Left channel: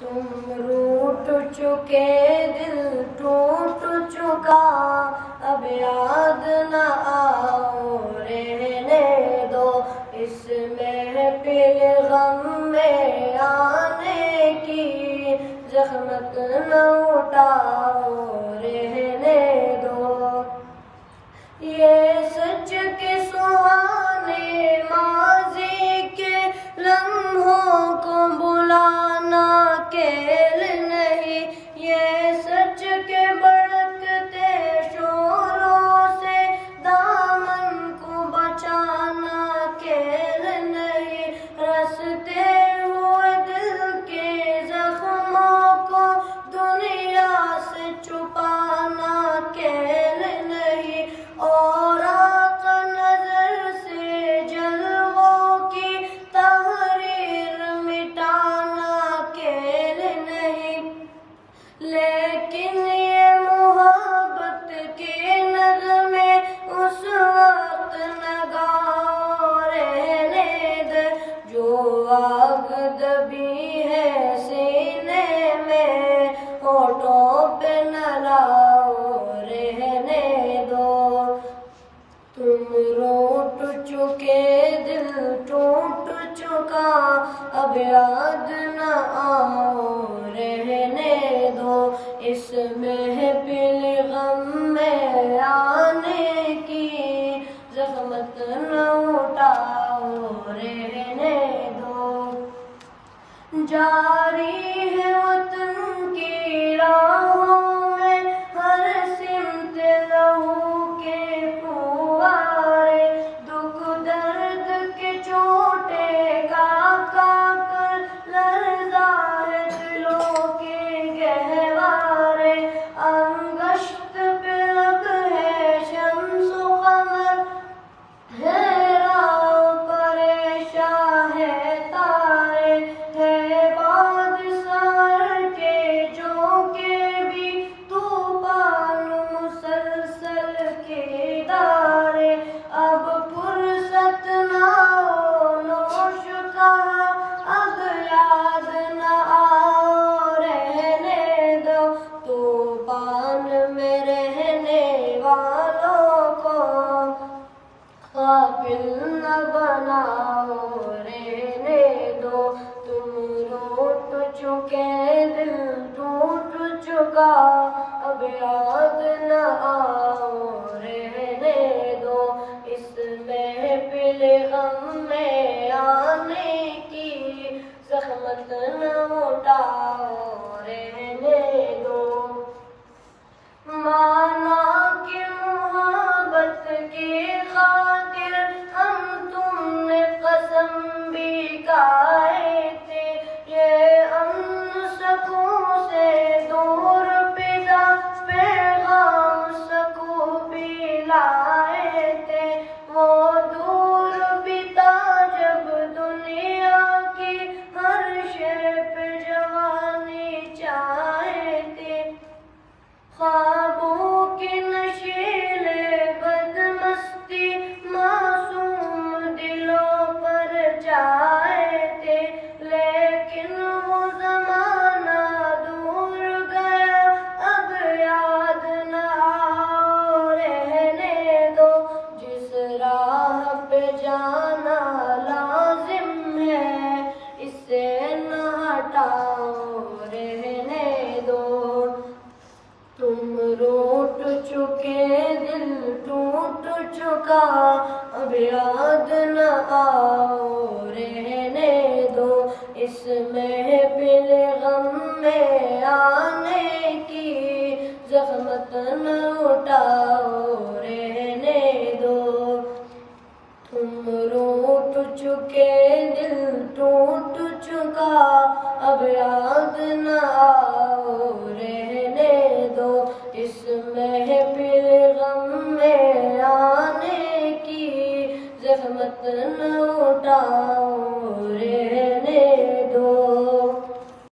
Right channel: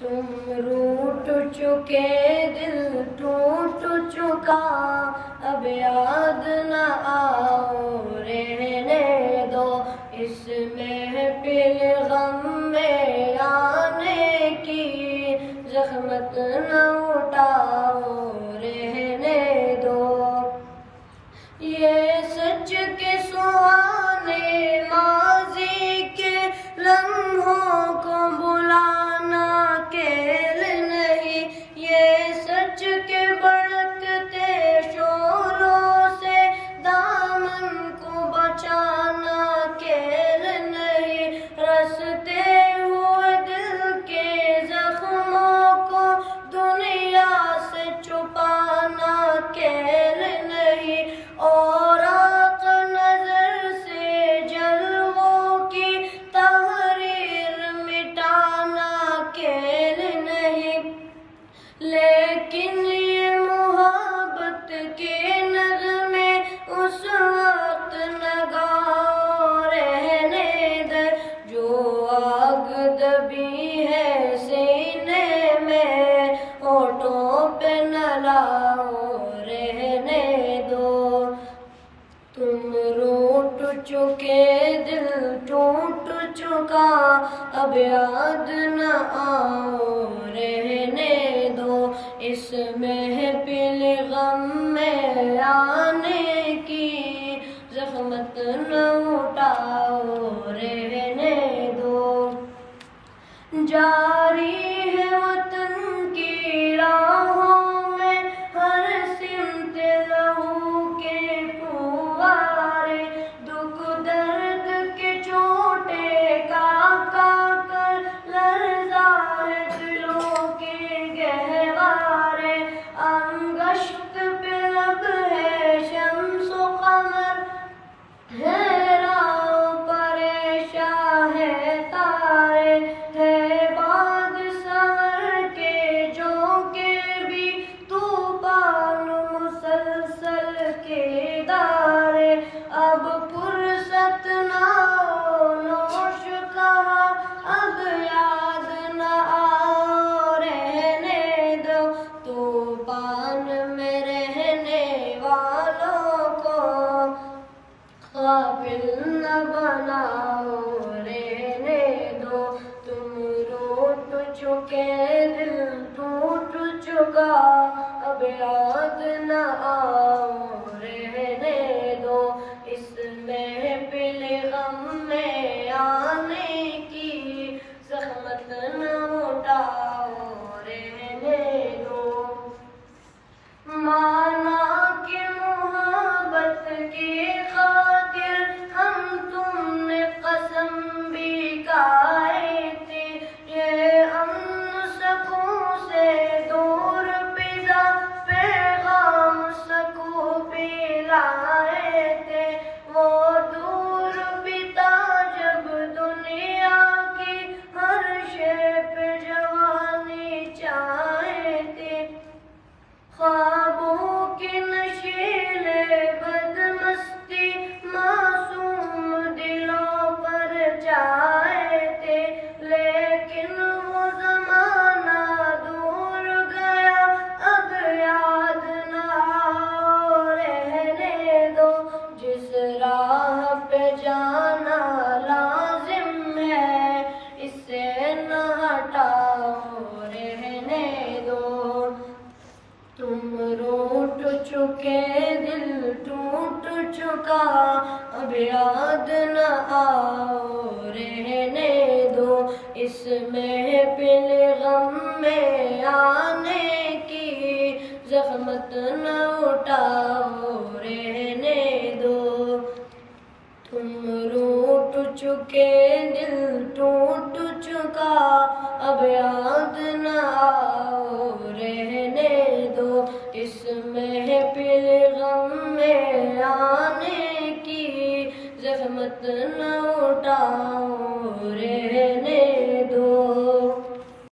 तुम रूठ चुके दिल टूट चुका, अब याद न आओ रहने दो। इस महफिल गम में आने की ज़हमत न उठाओ रहने दो। ये सच के सुहाने माज़ी के लम्हों को बुलाना खेल नहीं, ये सच के भड़कते शोरों से दामन को बचाना खेल नहीं। रसते हुए दिल के जख्मों को दुनिया से छुपाना खेल नहीं, और आका नजर से जलवों की तहरीर मिटाना खेल नहीं। लेकिन ये मोहब्बत के नगमे उस वक्त नगाओ रहने दे, जो आग दबी है सीने में होठों पे न लाओ रहने दो। तुम रूठ चुके दिल टूट चुका, अब याद न आओ रहने दो। इस महफिल गम में आने की ज़हमत न उठाओ रहने दो। जारी है वतन की राहों में हर सिमत लहू के फुवारे, दुख दर्द के चोटे का कर लर्ज़ा है दिलों के गहवारे। अंगश्त पे अब है शम्स कमर, हैरां परेशान है तारे, है बाद सहर के झोंके भी तूफान मुसलसल के दारे। अब फुर्सत ना हो नोश कहा, अब याद न आओ रहने दो। तूफान में रहने वालों को क़ाबिल न बनाओ रहने दो। तुम रूठ चुके दिल टूट चुका, अब याद न आओ रहने दो। इस महफिल गम में आने की ज़हमत न उठाओ रहने दो। माना कि मोहब्बत की खातिर हम तुमने कसम भी खाए थे, ये अमन सुकून से दूर पिज़ा पैगाम सुकून भी लाए थे। वो दूर पिता जब दुनिया की हर शे पे जवानी चाहे थे, ख्वाबों के नशीले बदमस्ती मासूम दिलों पर चाहे थे। लेकिन वो ज़माना दूर गया, अब याद न आओ रहने दो। जिस राह पे जाना लाजिम है, इसे न हटाओ रहने दो। तुम रूठ चुके दिल टूट चुका, अब याद